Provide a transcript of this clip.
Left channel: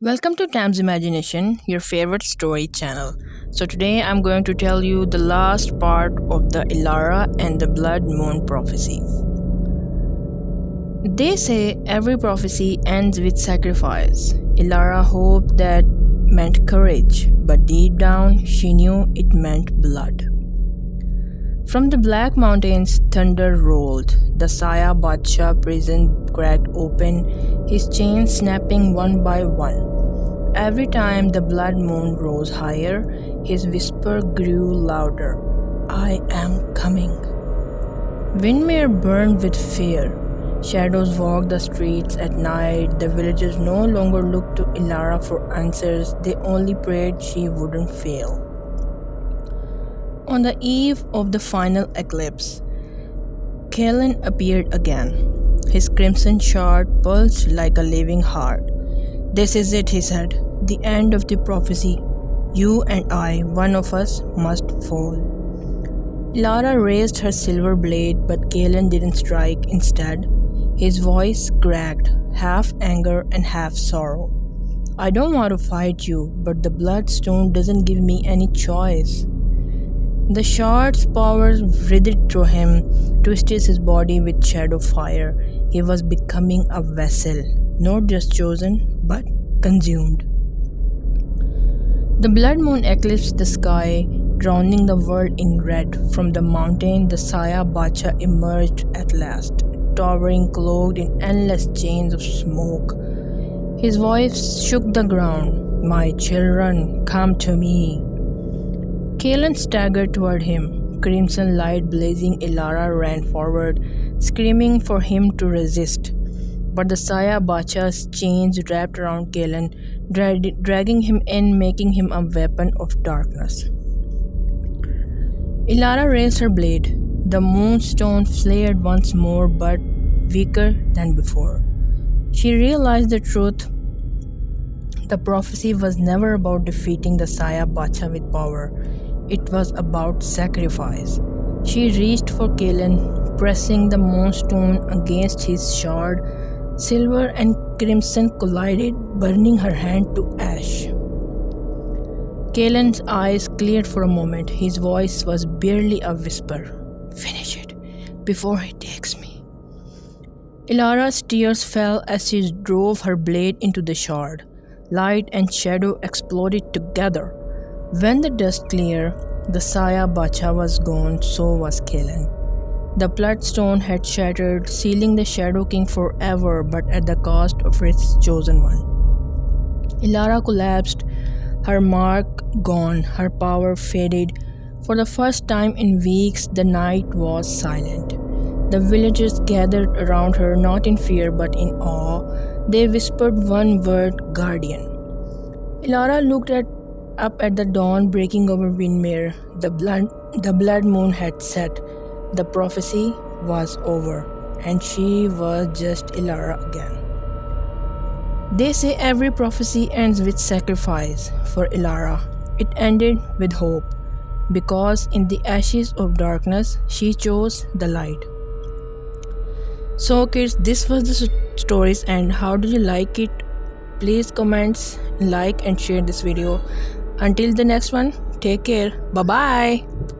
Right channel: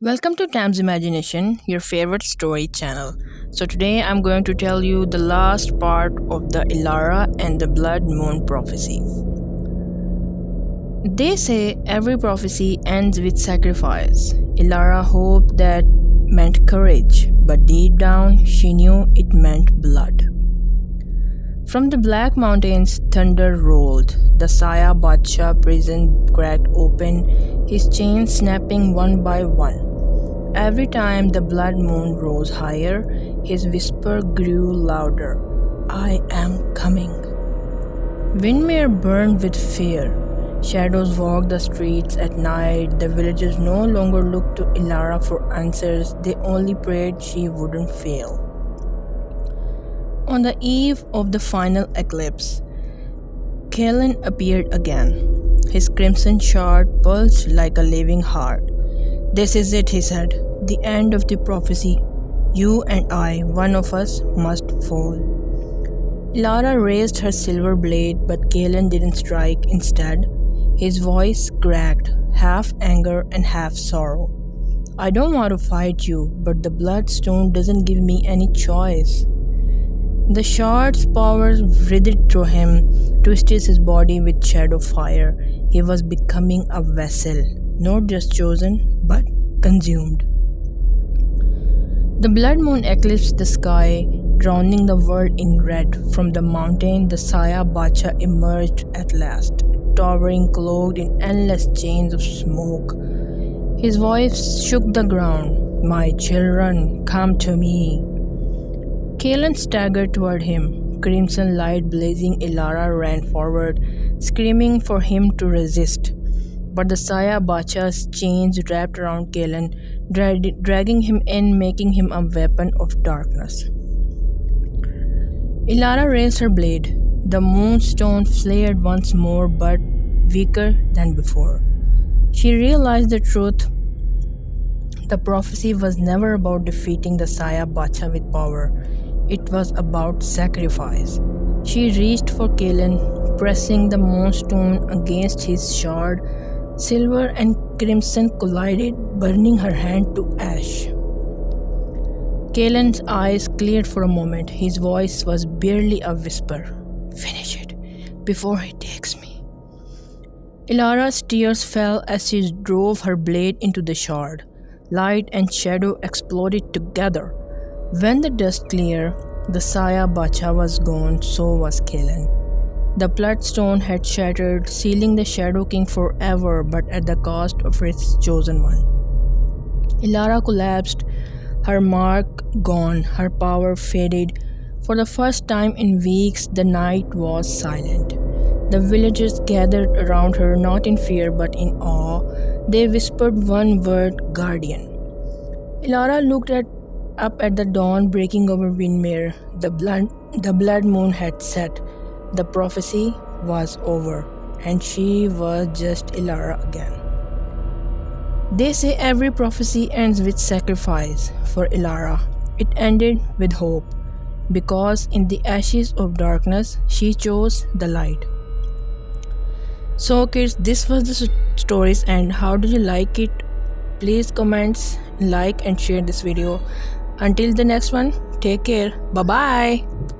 Welcome to Tam's Imagination, your favorite story channel. So, today I'm going to tell you the last part of the Elara and the Blood Moon prophecy. They say every prophecy ends with sacrifice. Elara hoped that meant courage, but deep down she knew it meant blood. From the Black Mountains, thunder rolled. The Saya Badsha prison cracked open, his chains snapping one by one. Every time the blood moon rose higher, his whisper grew louder. I am coming. Windmere burned with fear. Shadows walked the streets at night. The villagers no longer looked to Elara for answers, they only prayed she wouldn't fail. On the eve of the final eclipse, Kalen appeared again. His crimson shard pulsed like a living heart. This is it, he said. The end of the prophecy. You and I, one of us, must fall. Elara raised her silver blade, but Kalen didn't strike. Instead, his voice cracked, half anger and half sorrow. I don't want to fight you, but the bloodstone doesn't give me any choice. The shard's power writhed through him, twisted his body with shadow fire. He was becoming a vessel, not just chosen, but consumed. The blood moon eclipsed the sky, drowning the world in red. From the mountain, the Saya Bacha emerged at last, towering cloaked in endless chains of smoke. His voice shook the ground. My children, come to me. Kalen staggered toward him. Crimson light blazing, Elara ran forward, screaming for him to resist. But the Saya Bacha's chains wrapped around Kalen, dragging him in, making him a weapon of darkness. Elara raised her blade. The moonstone flared once more, but weaker than before. She realized the truth. The prophecy was never about defeating the Saya Bacha with power. It was about sacrifice. She reached for Kalen, pressing the moonstone against his shard. Silver and crimson collided, burning her hand to ash. Kalen's eyes cleared for a moment. His voice was barely a whisper. Finish it before he takes me. Elara's tears fell as she drove her blade into the shard. Light and shadow exploded together. When the dust cleared, the Saya Bacha was gone, so was Kalen. The bloodstone had shattered, sealing the Shadow King forever, but at the cost of its chosen one. Elara collapsed, her mark gone, her power faded. For the first time in weeks, the night was silent. The villagers gathered around her, not in fear but in awe. They whispered one word, Guardian. Elara looked up at the dawn breaking over Windmere. The blood moon had set. The prophecy was over, and she was just Elara again. They say every prophecy ends with sacrifice. For Elara, it ended with hope, because in the ashes of darkness, she chose the light. So kids, this was the stories, and how did you like it? Please comment, like and share this video. Until the next one, take care. Bye bye.